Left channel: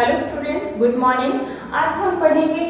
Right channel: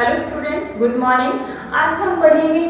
Hello students, good morning. आज हम पढ़ेंगे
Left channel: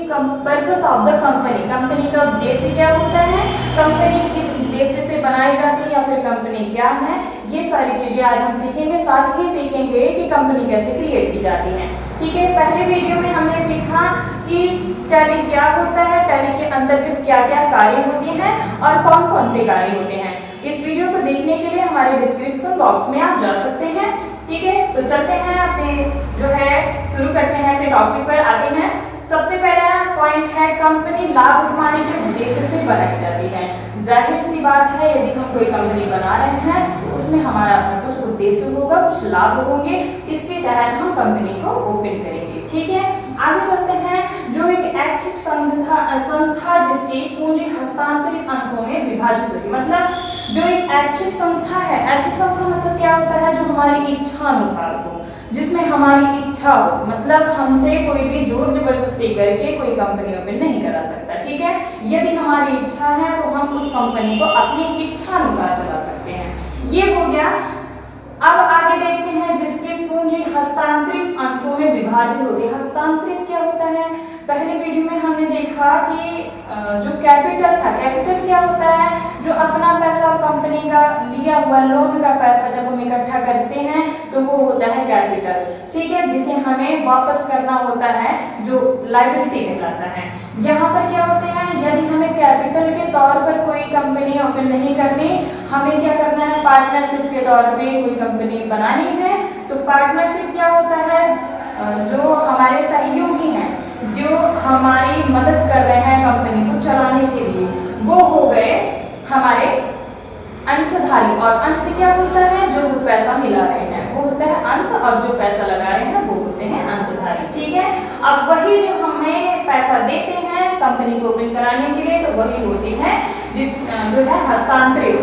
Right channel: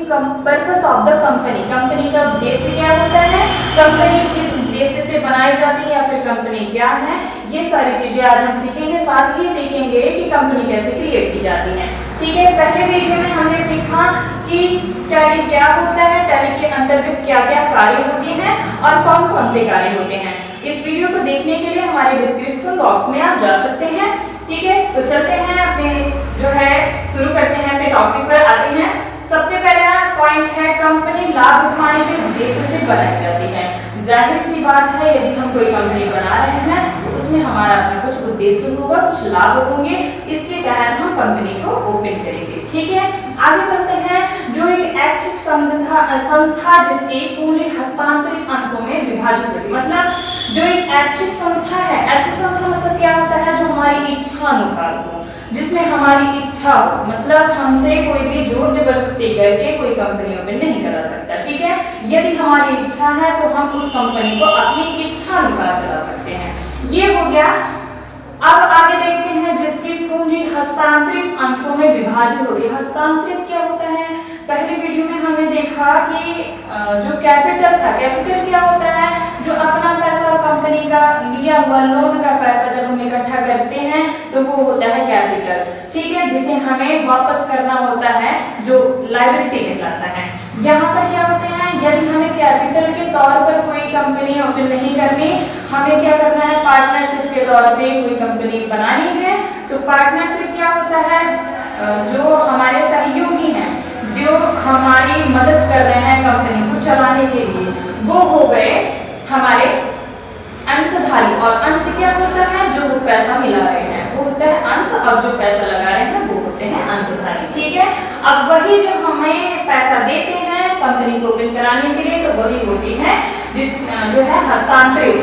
purpose of the company. Company का उद्देश्य क्या होता है, कंपनी किस उद्देश्य से बनाई जाती है या फिर कंपनी क्या है, ये सारी चीजें आज हम सीखेंगे। साथ ही सीखेंगे कि कंपनी कैसे क्रिएट की जाती है। ठीक है, पहले वीडियो में हमने सीखा कि टैली क्या होता है, टैली के अंतर्गत क्या क्या कार्य होते हैं और कौन कौन से कार्य होते हैं। इस वीडियो को देखने के लिए हमारे डिस्क्रिप्शन बॉक्स में आप जा सकते हैं। ठीक है, तो चलते हैं अपने जो है शुरू करते हैं, अपने टॉपिक पर आते हैं। सबसे पहला पॉइंट है कंपनी लाभ उठाने के उद्देश्य से बनाई जाती है। जाहिर सी बात है, यदि हम कोई कंपनी बना रहे हैं तो उसमें हमारा अपना कुछ उद्देश्य होगा, कुछ लाभ होंगे, इसके तहत हम कंपनी को ओपन करेंगे। ठीक है, आगे चलते हैं। जो एक ऐच्छिक संस्था जिसकी पूंजी हस्तांतरित अंशों में विभाजित होती, मतलब जो एक ऐच्छिक संस्था है, ऐच्छिक संस्था मतलब क्या होता है, जो हमारी इच्छा अनुसार हो, जिसमें हमारी इच्छा हो, मतलब हमसे कोई भी जोर जबरदस्ती करके कोई कंपनी ओपन नहीं करा सकता। ठीक है, यदि हमारी इच्छा है तो हम उस कंपनी को अपनी इच्छा अनुसार चला सकते हैं। ये हो गया। अब आगे देखते हैं जिसकी पूंजी हस्तांतरित अंशों में विभाजित होती है। हस्तांतरित क्या होता है, पहले वीडियो में हमने देखा कि जो कैपिटल था, कैपिटल क्या होता है, जो अपना पैसा कंपनी का लिया हुआ लोन का पैसा जब हम इकट्ठा करते हैं तो वो होता है कैपिटल। ठीक है, जिसे हमें वापस करना होता है, जो लायबिलिटी कहलाता है। यहाँ पर क्या होते हैं, यदि हमें कैपिटल के तौर पर कोई कंपनी ओपन नहीं करनी, हमें क्या करना है, पार्टनरशिप के तौर पे कोई कंपनी बनानी है। तो पार्टनरशिप क्या होता है, जो हमारे सहयोगी हैं, जो हमारी मदद कर रहे हैं कंपनी को चलाने के लिए, वो हो गए हमारे अंशधारी। और अंश क्या होता है, जो पैसा मिला रहे हैं वो होता है अंश, और जो पैसा लगा रहे हैं वो होते हैं अंशधारी। ठीक है, अब वही जो हमें पैसा देते हैं कंपनी को ओपन कराने के लिए, तो वही होती है जो है हस्तांतरित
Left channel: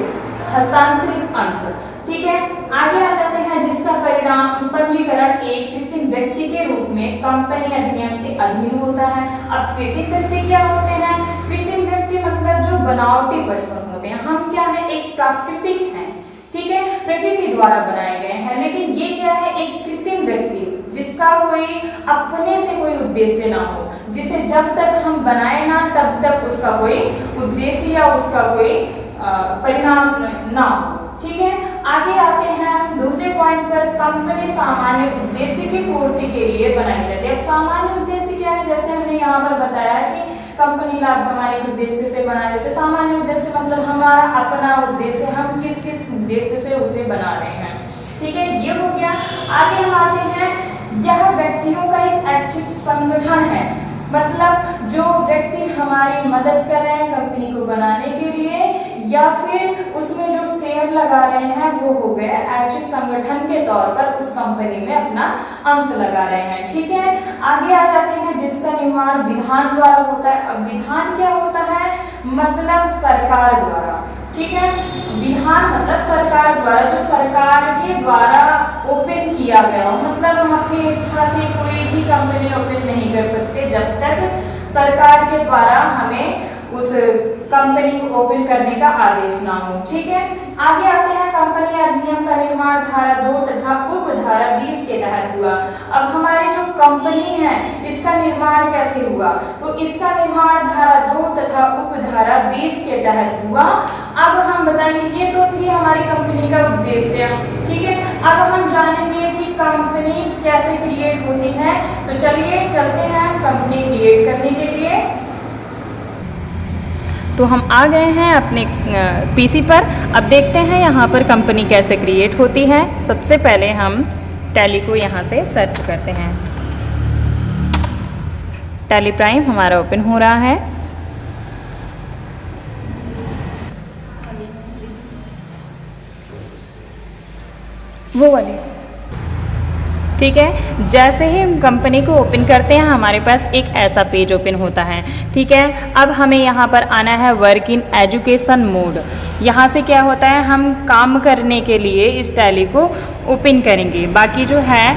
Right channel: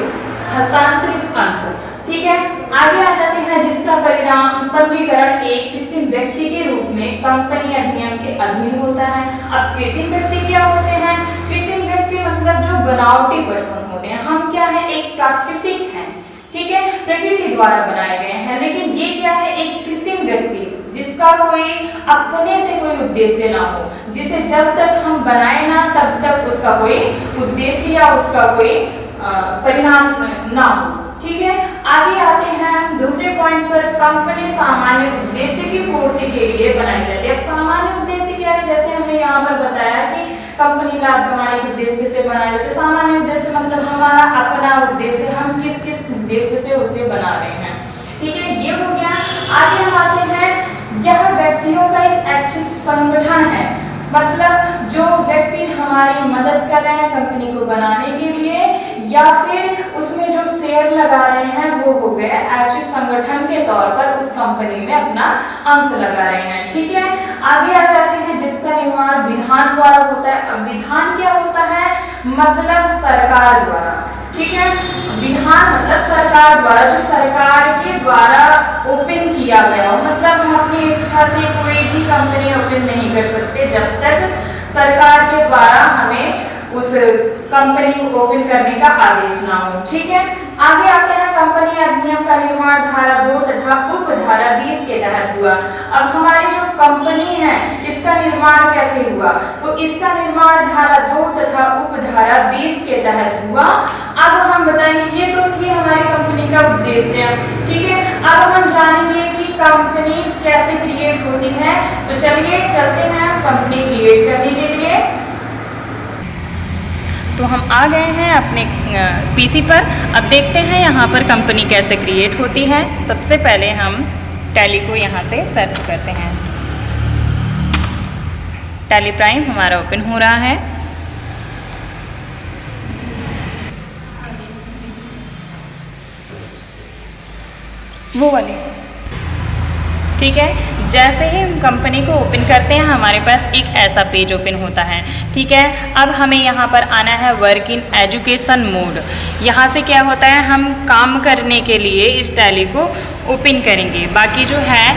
अंश। ठीक है, आगे आ जाते हैं जिसका परिणाम पंजीकरण एक कृत्रिम व्यक्ति के रूप में कंपनी अधिनियम के अधीन होता है। अब कृत्रिम व्यक्ति क्या होते हैं, कृत्रिम व्यक्ति मतलब जो बनावटी पर्सन होते हैं। हम क्या है, एक प्राकृतिक हैं। ठीक है, प्रकृति द्वारा बनाए गए हैं, लेकिन ये क्या है, एक कृत्रिम व्यक्ति जिसका कोई अपने से कोई उद्देश्य ना हो, जिसे जब तक हम बनाए ना तब तक उसका कोई उद्देश्य या उसका कोई परिणाम ना हो। ठीक है, आगे आते हैं दूसरे पॉइंट पर। कंपनी सामान्य उद्देश्य की पूर्ति के लिए बनाई जाती है। अब सामान्य उद्देश्य क्या है, जैसे हमने यहाँ पर बताया कि कंपनी लाभ कमाने के उद्देश्य से बनाई जाती है। सामान्य उद्देश्य मतलब हमारा अपना उद्देश्य, हम किस किस उद्देश्य से उसे बना रहे हैं। ठीक है, ये हो गया। आगे हम आते हैं, यह व्यक्तियों का एक ऐच्छिक संगठन है, मतलब जो व्यक्ति हमारी मदद कर रहे हैं कंपनी को बनाने के लिए, या फिर उसमें जो शेयर लगा रहे हैं वो हो गए ऐच्छिक संगठन के तौर पर उस कंपनी में अपना अंश लगा रहे हैं। ठीक है, आगे आ जाते हैं जिसका निर्माण विधान द्वारा होता है। अब विधान क्या होता है, मतलब सरकार द्वारा। ठीक है, विधान मतलब सरकार द्वारा, जो सरकार के द्वारा ओपन किया गया हो, मतलब हम अपनी इच्छा से कोई भी कंपनी ओपन नहीं कर सकते जब तक सरकार के द्वारा हमें उस कंपनी को ओपन करने का आदेश ना हो। ठीक है, आगे आते हैं कंपनी अधिनियम का निर्माण धारा 2 तथा उपधारा 20 के तहत हुआ। अब हमारी जो कंपनी है इसका निर्माण कैसे हुआ, तो इसका निर्माण धारा 2 तथा उपधारा 20 के तहत हुआ। अब हम बताएंगे, ये तो थी हमारी कंपनी का उद्देश्य। ठीक है, अब हम जानेंगे कि कंपनी कैसे क्रिएट होती है। तो चलिए चलते हैं कंपनी क्रिएट करने के लिए। तो हम आ गए हैं अपने पीसी पर। अब देखते हैं यहाँ पर कंपनी कैसे क्रिएट होती है। सबसे पहले हम टैली को यहाँ से सर्च करते हैं। टैली प्राइम हमारा ओपन हो रहा है। वो वाली। ठीक है, जैसे ही हम कंपनी को ओपन करते हैं हमारे पास एक ऐसा पेज ओपन होता है। ठीक है, अब हमें यहाँ पर आना है वर्क इन एजुकेशन मोड। यहाँ से क्या होता है, हम काम करने के लिए इस टैली को ओपन करेंगे। बाकी जो है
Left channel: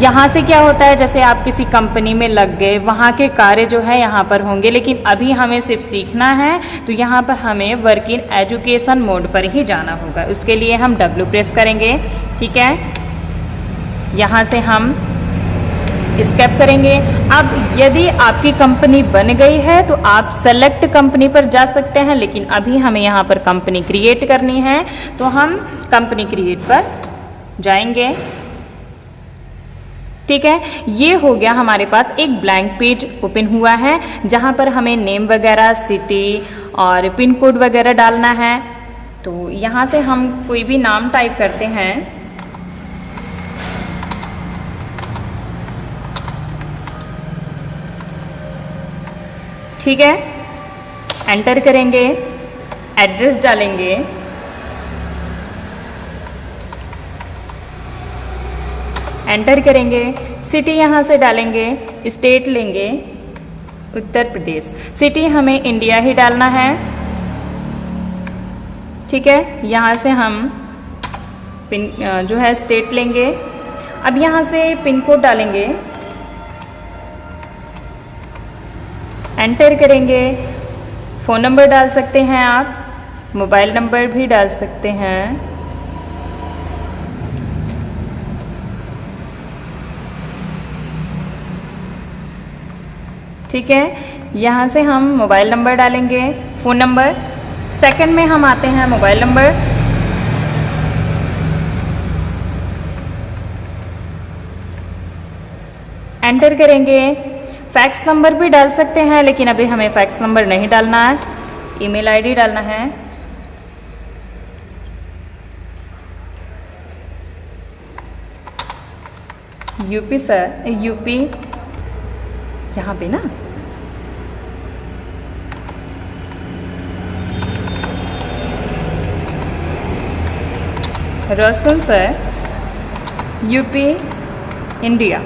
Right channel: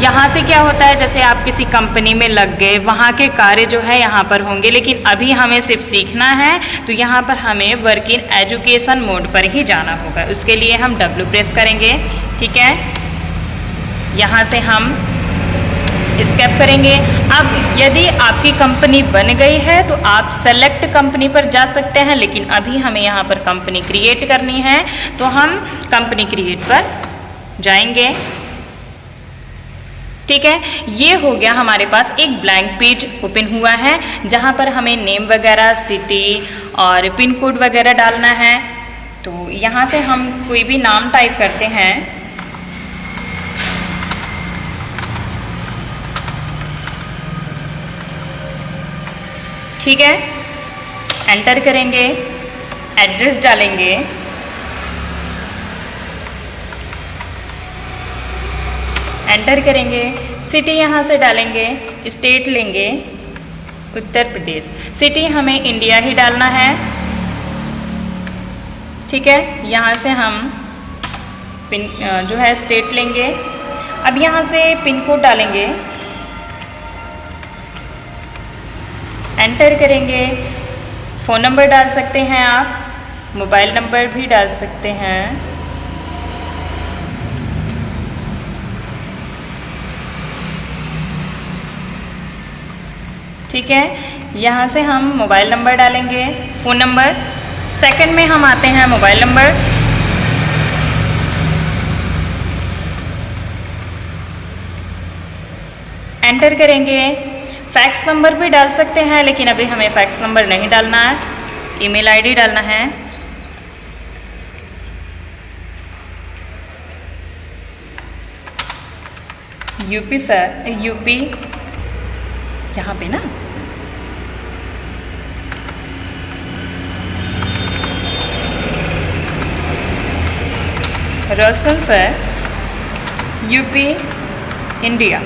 यहाँ से क्या होता है, जैसे आप किसी कंपनी में लग गए, वहाँ के कार्य जो है यहाँ पर होंगे, लेकिन अभी हमें सिर्फ सीखना है। तो यहाँ पर हमें वर्क इन एजुकेशन मोड पर ही जाना होगा। उसके लिए हम W प्रेस करेंगे। ठीक है, यहाँ से हम स्केप करेंगे। अब यदि आपकी कंपनी बन गई है तो आप सेलेक्ट कंपनी पर जा सकते हैं, लेकिन अभी हमें यहाँ पर कंपनी क्रिएट करनी है तो हम कंपनी क्रिएट पर जाएंगे। ठीक है, ये हो गया हमारे पास एक ब्लैंक पेज ओपन हुआ है जहाँ पर हमें नेम वगैरह, सिटी और पिन कोड वगैरह डालना है। तो यहाँ से हम कोई भी नाम टाइप करते हैं। ठीक है, एंटर करेंगे, एड्रेस डालेंगे, एंटर करेंगे, सिटी यहाँ से डालेंगे, स्टेट लेंगे उत्तर प्रदेश, सिटी हमें इंडिया ही डालना है। ठीक है, यहाँ से हम पिन जो है स्टेट लेंगे। अब यहाँ से पिन कोड डालेंगे, एंटर करेंगे, फ़ोन नंबर डाल सकते हैं आप, मोबाइल नंबर भी डाल सकते हैं। ठीक है, यहाँ से हम मोबाइल नंबर डालेंगे, फ़ोन नंबर, सेकंड में हम आते हैं मोबाइल नंबर, एंटर करेंगे। फैक्स नंबर भी डाल सकते हैं, लेकिन अभी हमें फैक्स नंबर नहीं डालना है, ईमेल आईडी डालना है। यूपी सर, यूपी यहाँ पे ना, रोशन सर, यूपी इंडिया,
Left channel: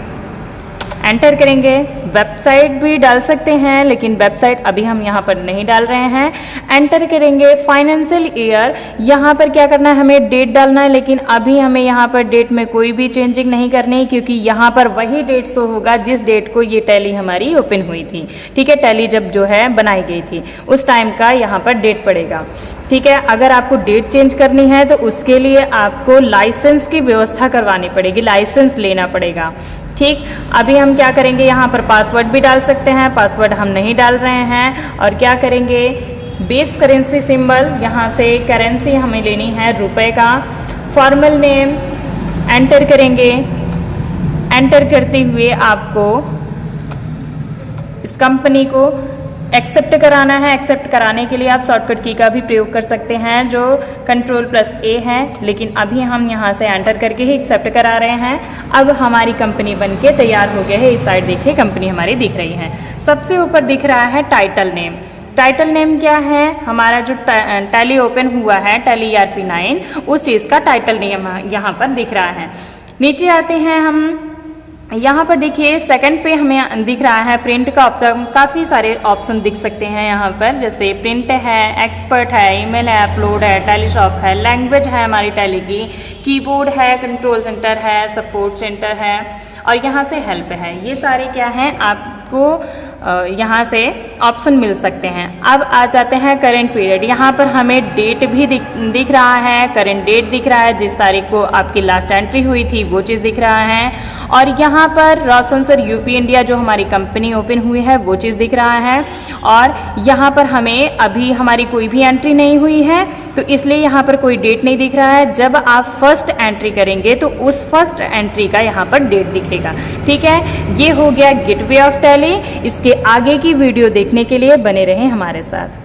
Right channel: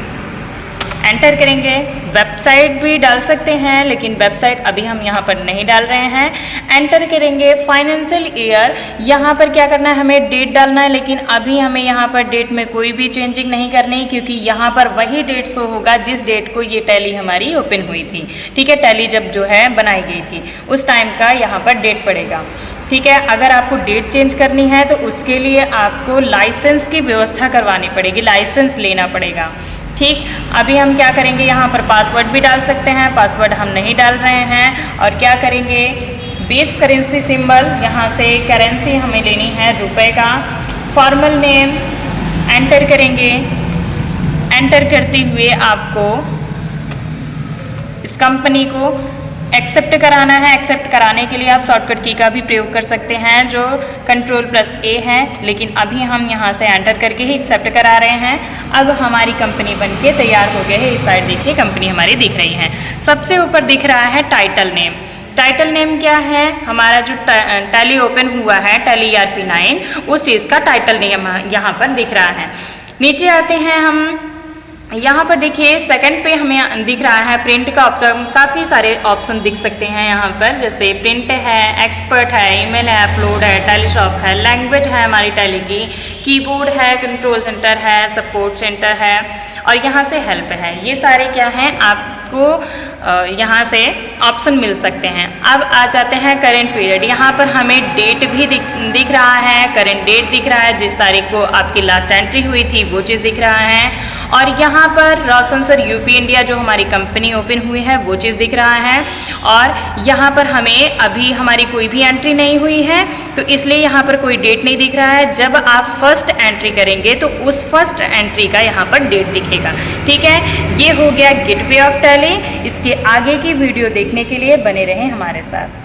एंटर करेंगे। वेबसाइट भी डाल सकते हैं, लेकिन वेबसाइट अभी हम यहाँ पर नहीं डाल रहे हैं। एंटर करेंगे, फाइनेंशियल ईयर, यहाँ पर क्या करना है, हमें डेट डालना है, लेकिन अभी हमें यहाँ पर डेट में कोई भी चेंजिंग नहीं करनी है, क्योंकि यहाँ पर वही डेट शो होगा जिस डेट को ये टैली हमारी ओपन हुई थी। ठीक है, टैली जब जो है बनाई गई थी उस टाइम का यहाँ पर डेट पड़ेगा। ठीक है, अगर आपको डेट चेंज करनी है तो उसके लिए आपको लाइसेंस की व्यवस्था करवानी पड़ेगी, लाइसेंस लेना पड़ेगा। ठीक, अभी हम क्या करेंगे, यहाँ पर पासवर्ड भी डाल सकते हैं, पासवर्ड हम नहीं डाल रहे हैं। और क्या करेंगे, बेस करेंसी सिंबल, यहाँ से करेंसी हमें लेनी है रुपए का, फॉर्मल नेम, एंटर करेंगे। एंटर करते हुए आपको इस कंपनी को एक्सेप्ट कराना है। एक्सेप्ट कराने के लिए आप शॉर्टकट की का भी प्रयोग कर सकते हैं जो Ctrl+A है, लेकिन अभी हम यहाँ से एंटर करके ही एक्सेप्ट करा रहे हैं। अब हमारी कंपनी बनके तैयार हो गई है। इस साइड देखिए कंपनी हमारी दिख रही है। सबसे ऊपर दिख रहा है टाइटल नेम। टाइटल नेम क्या है, हमारा जो टैली ओपन हुआ है, टैली ERP 9, उस चीज़ का टाइटल नेम यहाँ पर दिख रहा है। नीचे आते हैं हम, यहाँ पर देखिए सेकंड पे हमें दिख रहा है प्रिंट का ऑप्शन। काफ़ी सारे ऑप्शन दिख सकते हैं यहाँ पर, जैसे प्रिंट है, एक्सपर्ट है, ईमेल है, अपलोड है, टैली शॉप है, लैंग्वेज है हमारी टैली की, कीबोर्ड है, कंट्रोल सेंटर है, सपोर्ट सेंटर है, और यहाँ से हेल्प है। ये सारे क्या हैं, आपको यहाँ से ऑप्शन मिल सकते हैं। अब आ जाते हैं करेंट पीरियड। यहाँ पर हमें डेट भी दिख रहा है, करेंट डेट दिख रहा है, जिस तारीख को आपकी लास्ट एंट्री हुई थी वो चीज़ दिख रहा है। और यहाँ पर रोशन सर यूपी इंडिया जो हमारी कंपनी ओपन हुई है वो चीज़ दिख रहा है। और यहाँ पर हमें अभी हमारी कोई भी एंट्री नहीं हुई है, तो इसलिए यहाँ पर कोई डेट नहीं दिख रहा है। जब आप फर्स्ट एंट्री करेंगे तो उस फर्स्ट एंट्री का यहाँ पर डेट दिखेगा। ठीक है, ये हो गया गेटवे ऑफ टैली। इसके आगे की वीडियो देखने के लिए बने रहें हमारे साथ।